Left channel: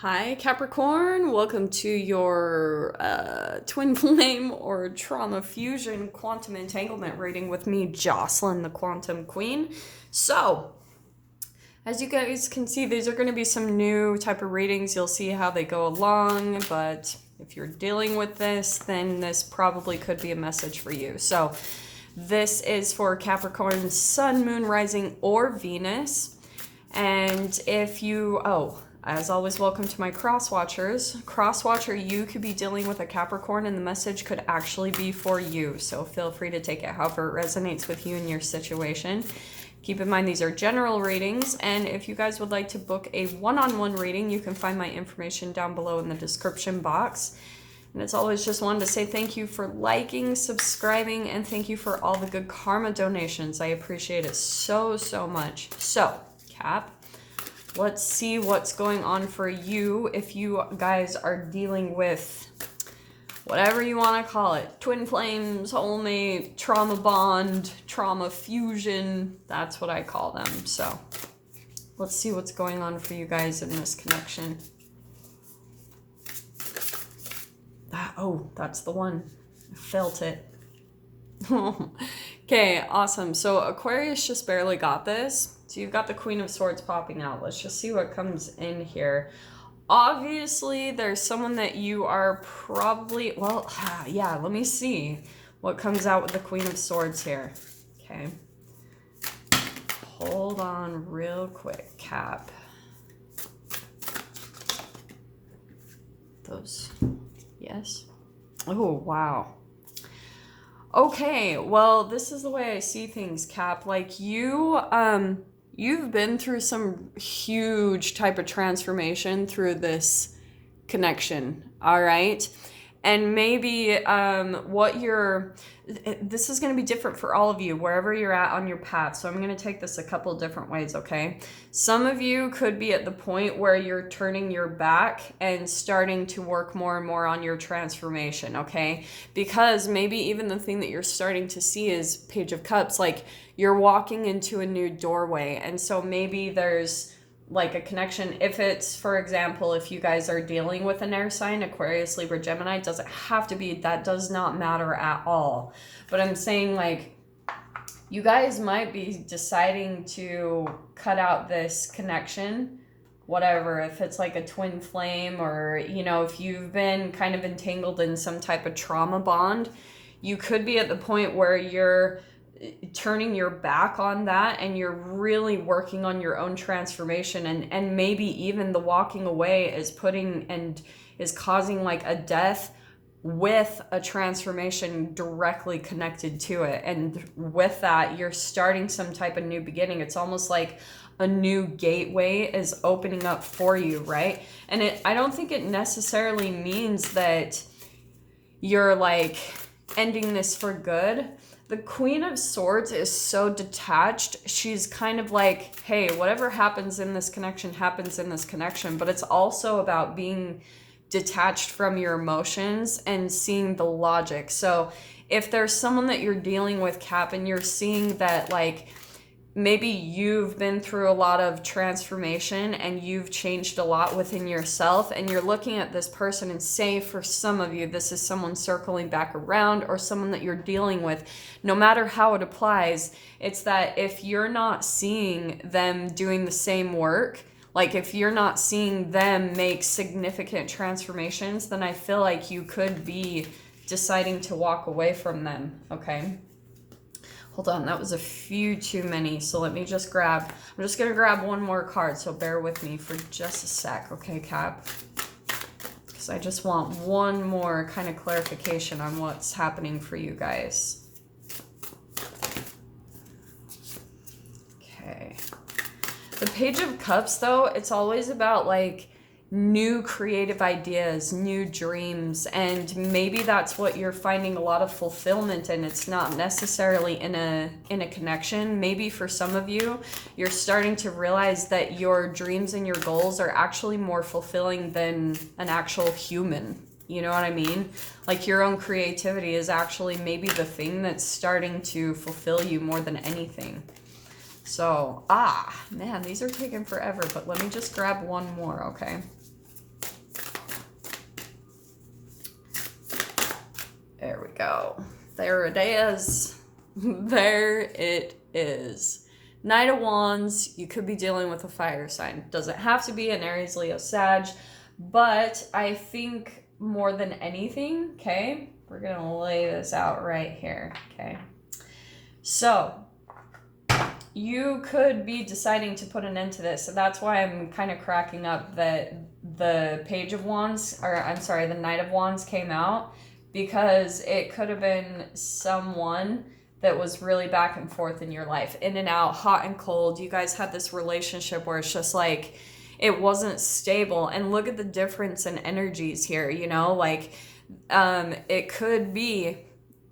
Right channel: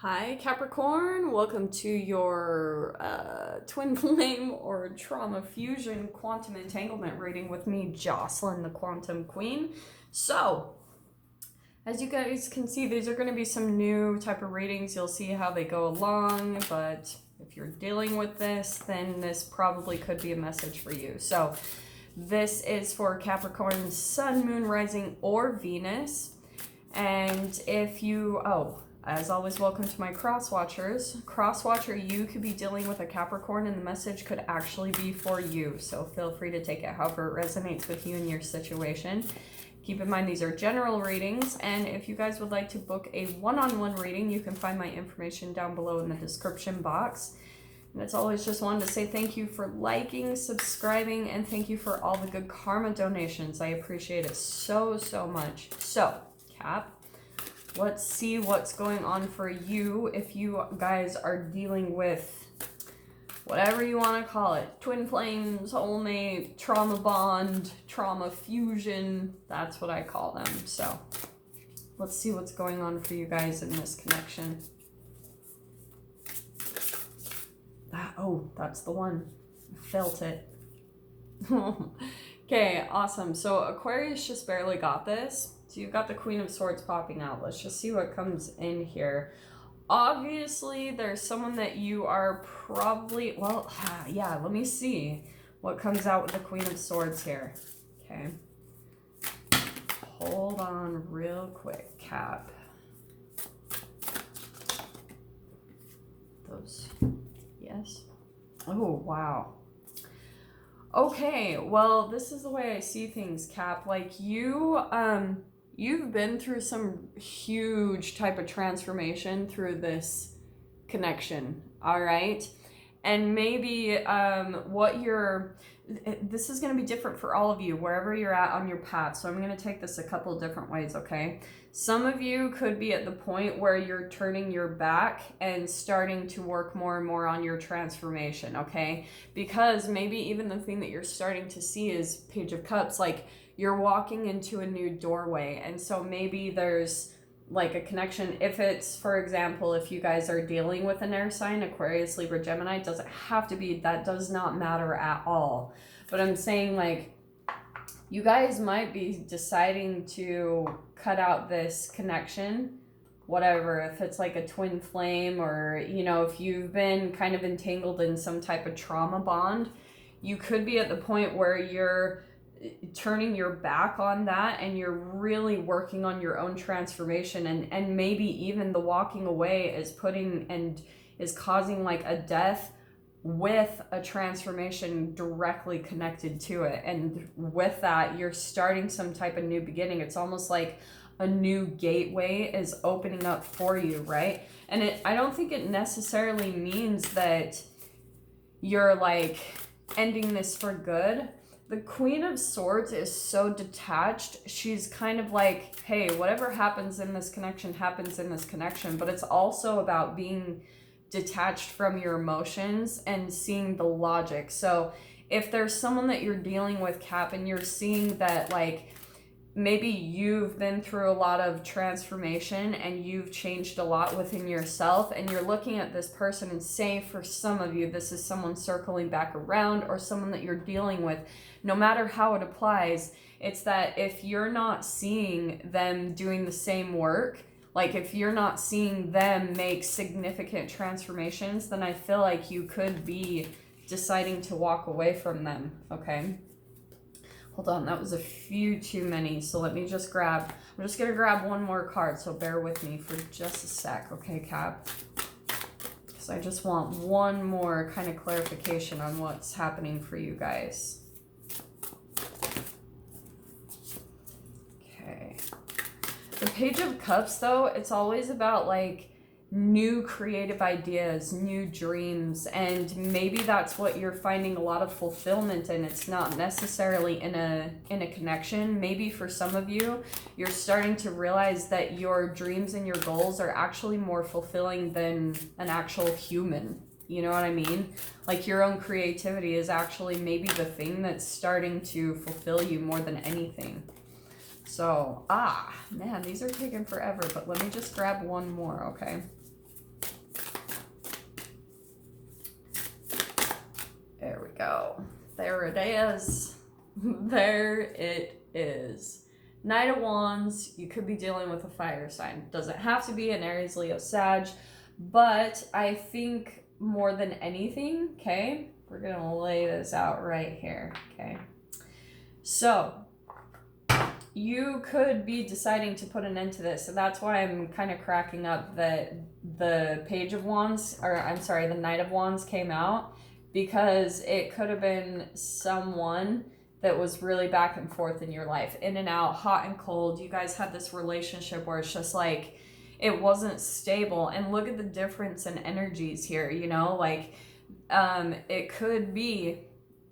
Hi Capricorn, welcome to your twin flame or trauma fusion quantum entanglement reading with me, Jocelyn, the quantum queen. So, as you guys can see, these are going to be some new type of readings. You'll see how they go along, but if you're dealing with this, then this probably could be a message for you. So, this is for Capricorn, Sun, Moon, Rising, or Venus. And if you, as always, welcome to my cross-watchers. Cross-watcher, you could be dealing with a Capricorn and the message could actually be for you. So feel free to take it however it resonates with you and your situation. Keep in mind these are general readings, and if you guys would like to book a one-on-one reading, you can find my information down below in the description box. And it's always just wanted to say thank you for liking, subscribing, and thank you for all the good karma donations. I appreciate it so, so much. So, Cap, let's see what's going on for you if you guys are dealing with whatever you want to call it. Twin flames, soulmate, trauma bond, trauma fusion. That's what I call them. So let's see what's going on for you guys in this connection. That's the one. I felt it. Okay, awesome. So Aquarius just barely got this. So you've got the Queen of Swords popping out. Let's just see what comes in here. Obviously, there's someone that you are probably, let me see what comes out with the Queen of Swords here. Okay. Hold on real quick, Cap. Those, yes. Oh, wow. Okay, well, this is the way I see things, Cap. Like you've been through some huge type of transformation through this connection, all right? And maybe this is going to be different for all of you, wherever you're at on your path. So I'm going to take this a couple different ways, okay? Some of you could be at the point where you're turning your back and starting to work more and more on your transformation, okay? Because maybe even the thing that you're starting to see is Page of Cups, like you're walking into a new doorway. And so maybe there's like a connection. If it's, for example, if you guys are dealing with an air sign, Aquarius, Libra, Gemini, it doesn't have to be, that does not matter at all. But I'm saying like you guys might be deciding to cut out this connection, whatever, if it's like a twin flame or, you know, if you've been kind of entangled in some type of trauma bond, you could be at the point where you're turning your back on that and you're really working on your own transformation, and maybe even the walking away is causing like a death with a transformation directly connected to it. And with that, you're starting some type of new beginning. It's almost like a new gateway is opening up for you, right? And I don't think it necessarily means that you're like ending this for good. The Queen of Swords is so detached. She's kind of like, hey, whatever happens in this connection happens in this connection. But it's also about being detached from your emotions and seeing the logic. So if there's someone that you're dealing with, Cap, and you're seeing that like maybe you've been through a lot of transformation and you've changed a lot within yourself, and you're looking at this person, and say for some of you this is someone circling back around or someone that you're dealing with, no matter how it applies, it's that if you're not seeing them doing the same work, like if you're not seeing them make significant transformations, then I feel like you could be deciding to walk away from them, okay? Hold on, that was a few too many, so let me just I'm just going to grab one more card, so bear with me for just a sec, okay, Cap? Because I just want one more kind of clarification on what's happening for you guys. Okay. The Page of Cups, though, it's always about, like, new creative ideas, new dreams, and maybe that's what you're finding a lot of fulfillment in. It's not necessarily in a connection. Maybe for some of you, you're starting to realize that your dreams and your goals are actually more fulfilling than an actual human. You know what I mean? Like your own creativity is actually maybe the thing that's starting to fulfill you more than anything. So, man, these are taking forever, but let me just grab one more, okay? go. There it is. There it is. Knight of Wands, you could be dealing with a fire sign. Doesn't have to be an Aries, Leo, Sag, but I think more than anything, okay, we're going to lay this out right here, okay? So, you could be deciding to put an end to this. So that's why I'm kind of cracking up that the Page of Wands, or I'm sorry, the Knight of Wands came out, because it could have been someone that was really back and forth in your life, in and out, hot and cold. You guys had this relationship where it's just like, it wasn't stable. And look at the difference in energies here, you know, like, it could be,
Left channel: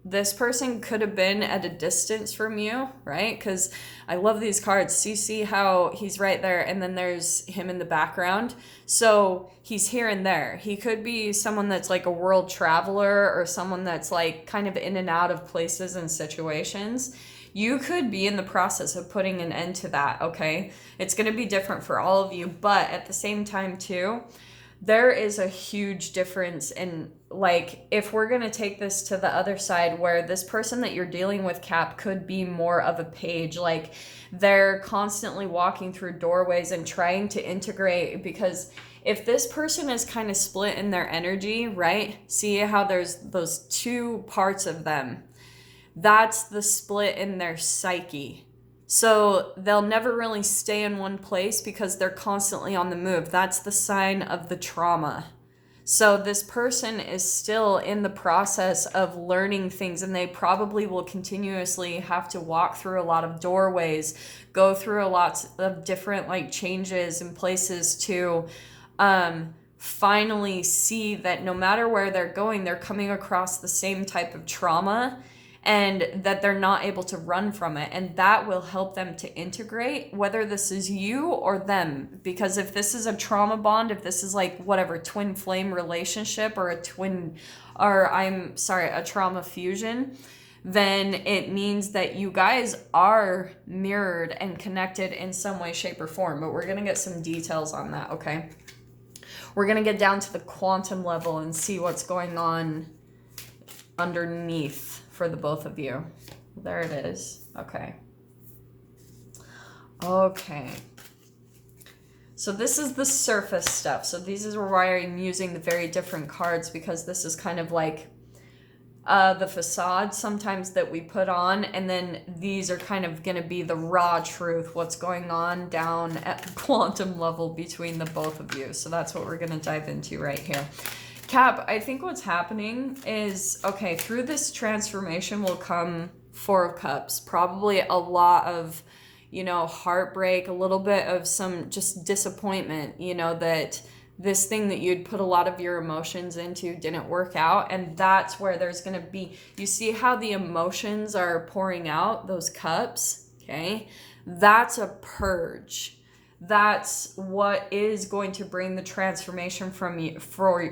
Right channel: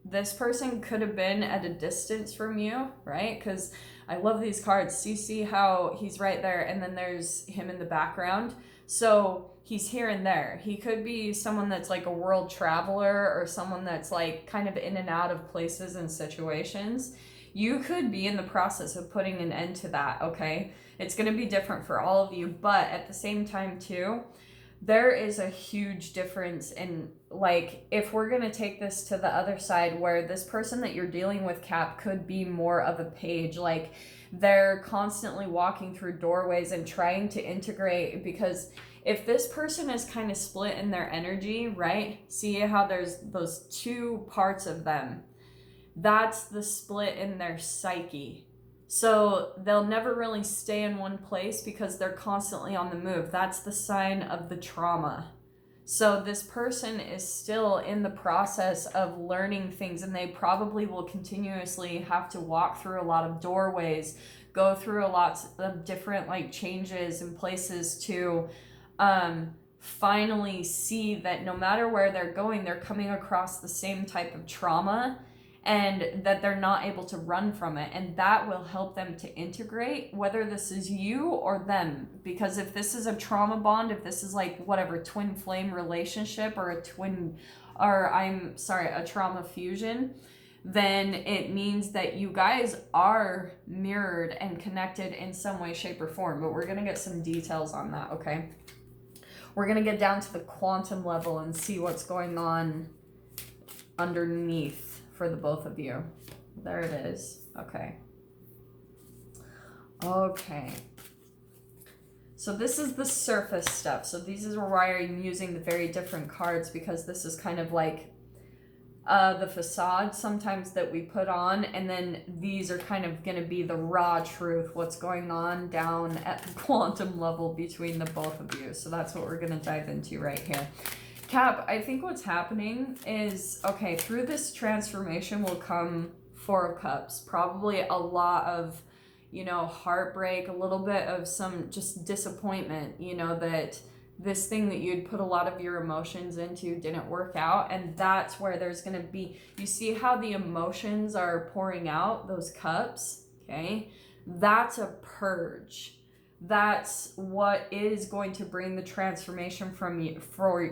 this person could have been at a distance from you, right? Because I love these cards. So you see how he's right there, and then there's him in the background. So he's here and there. He could be someone that's like a world traveler, or someone that's like kind of in and out of places and situations. You could be in the process of putting an end to that, okay? It's going to be different for all of you, but at the same time too, there is a huge difference in, like, if we're going to take this to the other side, where this person that you're dealing with, Cap, could be more of a page. Like, they're constantly walking through doorways and trying to integrate, because if this person is kind of split in their energy, right? See how there's those two parts of them? That's the split in their psyche. So they'll never really stay in one place because they're constantly on the move. That's the sign of the trauma. So this person is still in the process of learning things, and they probably will continuously have to walk through a lot of doorways, go through a lot of different like changes and places to finally see that no matter where they're going, they're coming across the same type of trauma, and that they're not able to run from it. And that will help them to integrate, whether this is you or them. Because if this is a trauma bond, if this is like whatever, twin flame relationship, or a trauma fusion, then it means that you guys are mirrored and connected in some way, shape, or form. But we're going to get some details on that, okay? We're going to get down to the quantum level and see what's going on underneath for the both of you. There it is. Okay. Okay. So this is the surface stuff. So these is why I'm using the very different cards, because this is kind of like the facade sometimes that we put on, and then these are kind of going to be the raw truth, what's going on down at the quantum level between the both of you. So that's what we're going to dive into right here. Cap, I think what's happening is, okay, through this transformation will come Four of Cups, probably a lot of, you know, heartbreak, a little bit of some just disappointment, you know, that this thing that you'd put a lot of your emotions into didn't work out. And that's where there's going to be, you see how the emotions are pouring out, those cups, okay? That's a purge. That's what is going to bring the transformation from you, from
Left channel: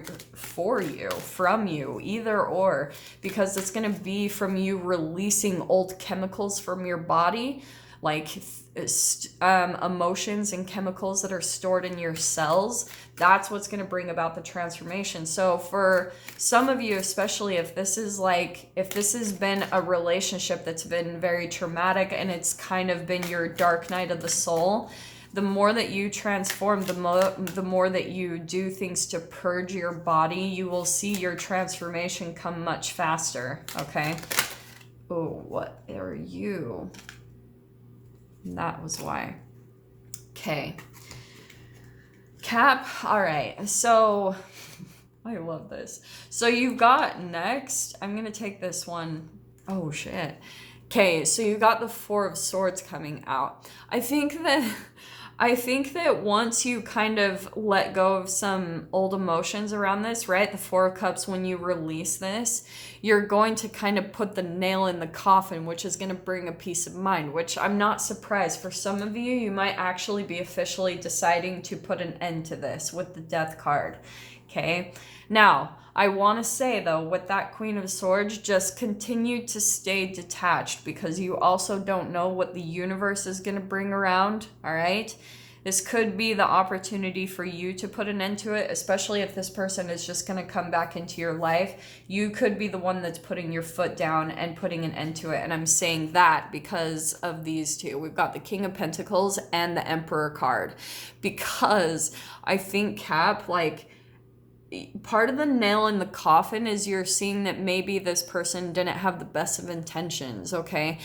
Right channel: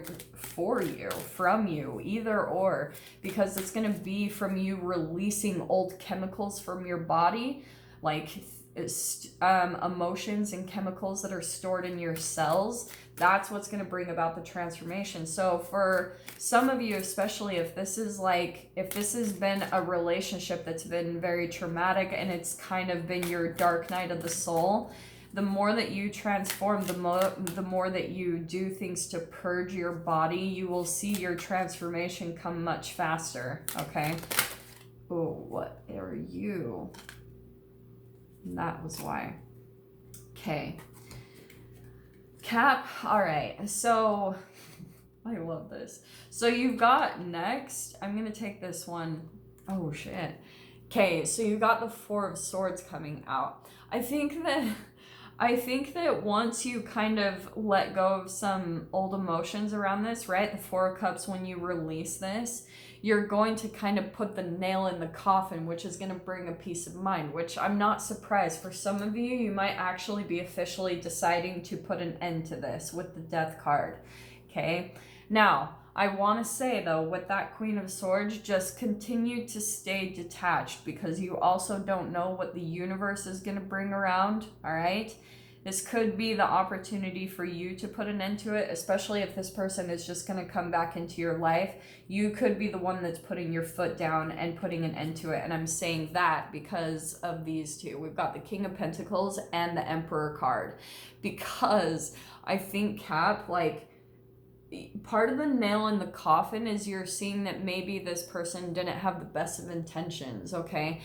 you, either or, because it's going to be from you releasing old chemicals from your body, like emotions and chemicals that are stored in your cells. That's what's going to bring about the transformation. So for some of you, especially if this is if this has been a relationship that's been very traumatic, and it's kind of been your dark night of the soul, the more that you transform, the more that you do things to purge your body, you will see your transformation come much faster, okay? Oh, what are you? That was why. Okay. Cap, all right. So, I love this. So you've got next, I'm going to take this one. Oh, shit. Okay, so you got the Four of Swords coming out. I think that once you kind of let go of some old emotions around this, right? The Four of Cups, when you release this, you're going to kind of put the nail in the coffin, which is going to bring a peace of mind, which I'm not surprised. For some of you, you might actually be officially deciding to put an end to this with the Death card, okay? Now, I want to say, though, with that Queen of Swords, just continue to stay detached, because you also don't know what the universe is going to bring around, all right? This could be the opportunity for you to put an end to it, especially if this person is just going to come back into your life. You could be the one that's putting your foot down and putting an end to it. And I'm saying that because of these two. We've got the King of Pentacles and the Emperor card. Because I think, Cap, like, part of the nail in the coffin is you're seeing that maybe this person didn't have the best of intentions, okay?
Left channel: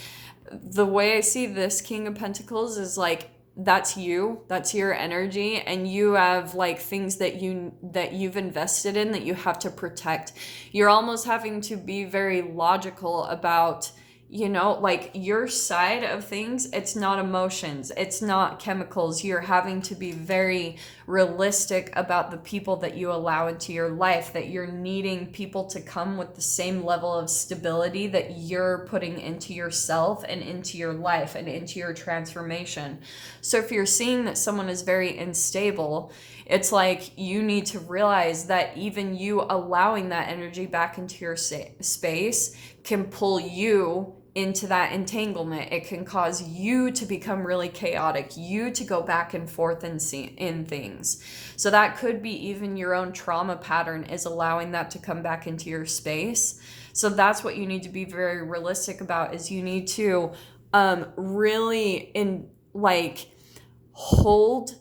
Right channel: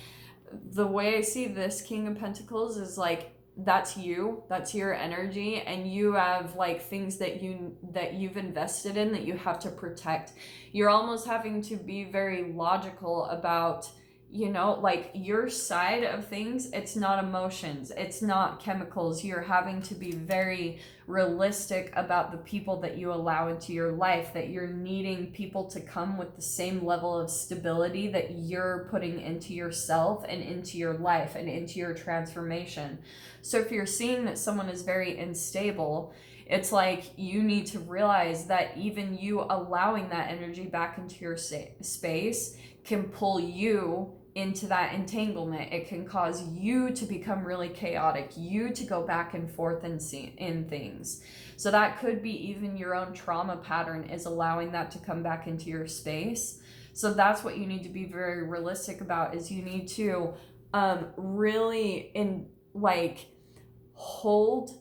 The way I see this King of Pentacles is like, that's your energy, and you have like things that you've invested in that you have to protect. You're almost having to be very logical about, you know, like your side of things. It's not emotions, it's not chemicals. You're having to be very realistic about the people that you allow into your life, that you're needing people to come with the same level of stability that you're putting into yourself and into your life and into your transformation. So if you're seeing that someone is very unstable, it's like you need to realize that even you allowing that energy back into your space can pull you into that entanglement. It can cause you to become really chaotic, you to go back and forth in things. So that could be even your own trauma pattern is allowing that to come back into your space. So that's what you need to be very realistic about, is you need to really hold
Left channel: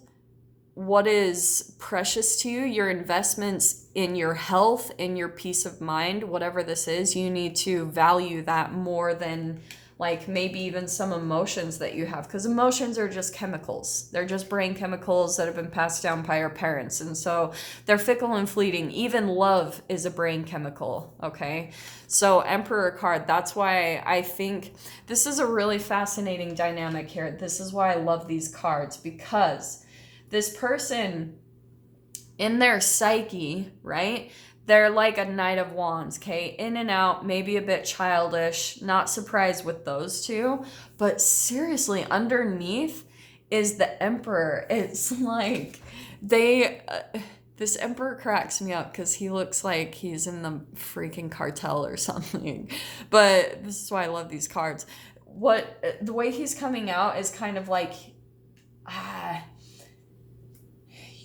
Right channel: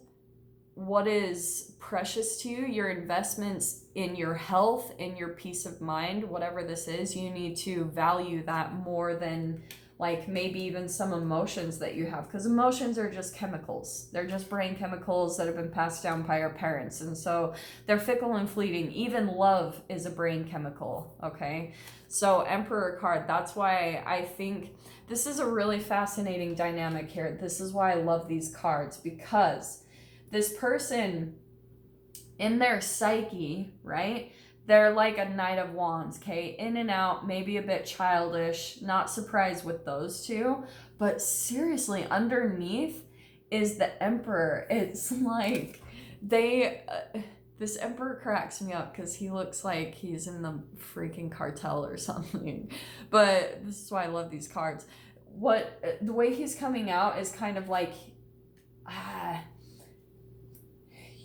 what is precious to you, your investments in your health, in your peace of mind, whatever this is. You need to value that more than like maybe even some emotions that you have, because emotions are just chemicals. They're just brain chemicals that have been passed down by our parents, and so they're fickle and fleeting. Even love is a brain chemical, okay? So Emperor card, that's why I think this is a really fascinating dynamic here. This is why I love these cards, because this person in their psyche, right? They're like a Knight of Wands, okay? In and out, maybe a bit childish, not surprised with those two. But seriously, underneath is the Emperor. It's like this Emperor cracks me up because he looks like he's in the freaking cartel or something. But this is why I love these cards. The way he's coming out is kind of like,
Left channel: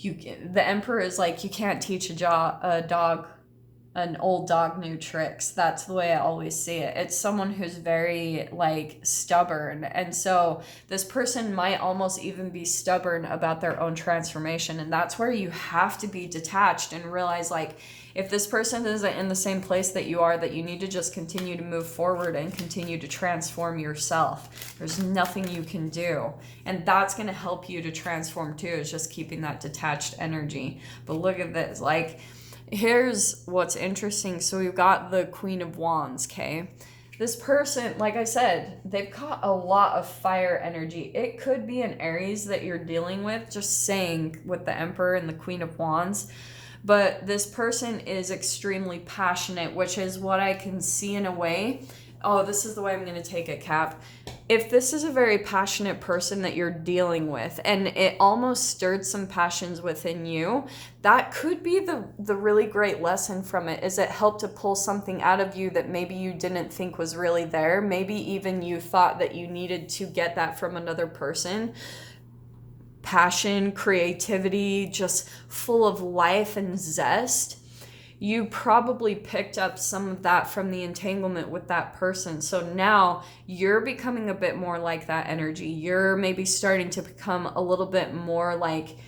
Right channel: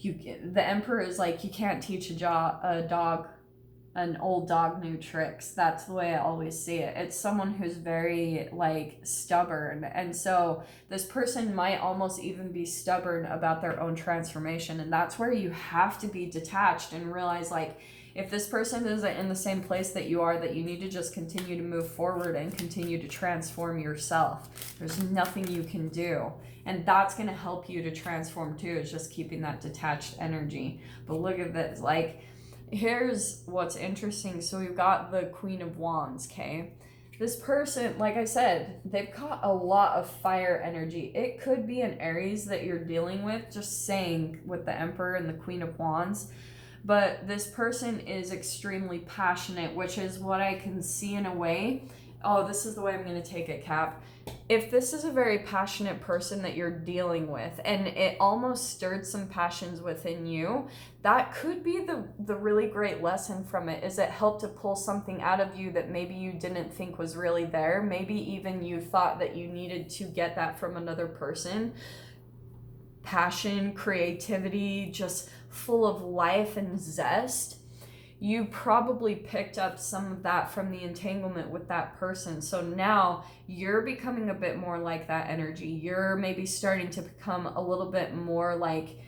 the Emperor is like, you can't teach an old dog new tricks. That's the way I always see it. It's someone who's very like stubborn, and so this person might almost even be stubborn about their own transformation. And that's where you have to be detached and realize, like, if this person isn't in the same place that you are, that you need to just continue to move forward and continue to transform yourself. There's nothing you can do. And that's going to help you to transform too, is just keeping that detached energy. But look at this. Like, here's what's interesting. So we've got the Queen of Wands, okay? This person, like I said, they've got a lot of fire energy. It could be an Aries that you're dealing with, just saying, with the Emperor and the Queen of Wands. But this person is extremely passionate, which is what I can see in a way. Oh, this is the way I'm going to take it, Cap. If this is a very passionate person that you're dealing with, and it almost stirred some passions within you, that could be the really great lesson from it, is it helped to pull something out of you that maybe you didn't think was really there. Maybe even you thought that you needed to get that from another person. Passion, creativity, just full of life and zest. You probably picked up some of that from the entanglement with that person. So now you're becoming a bit more like that energy. You're maybe starting to become a little bit more like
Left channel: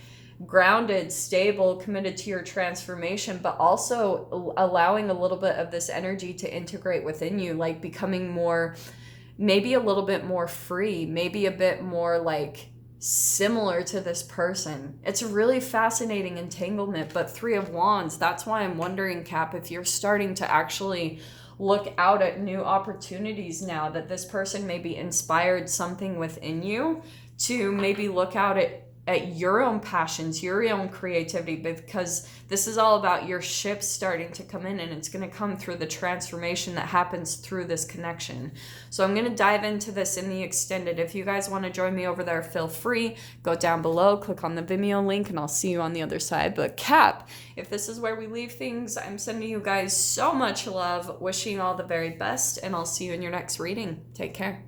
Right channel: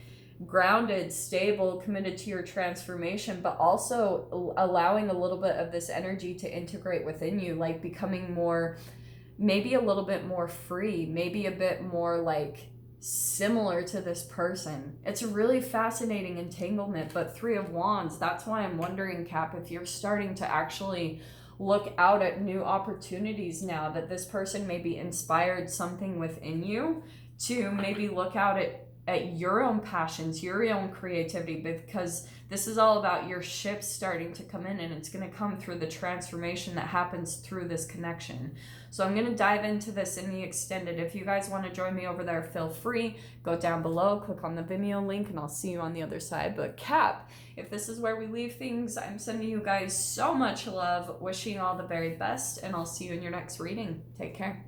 grounded, stable, committed to your transformation, but also allowing a little bit of this energy to integrate within you, like becoming more, maybe a little bit more free, maybe a bit more like similar to this person. It's a really fascinating entanglement. But Three of Wands, that's why I'm wondering, Cap, if you're starting to actually look out at new opportunities now, that this person maybe inspired something within you to maybe look out at your own passions, your own creativity, because this is all about your ship starting to come in, and it's going to come through the transformation that happens through this connection. So I'm going to dive into this in the extended. If you guys want to join me over there, feel free. Go down below, click on the Vimeo link, and I'll see you on the other side. But Cap, if this is where we leave things, I'm sending you guys so much love, wishing you all the very best, and I'll see you in your next reading. Take care.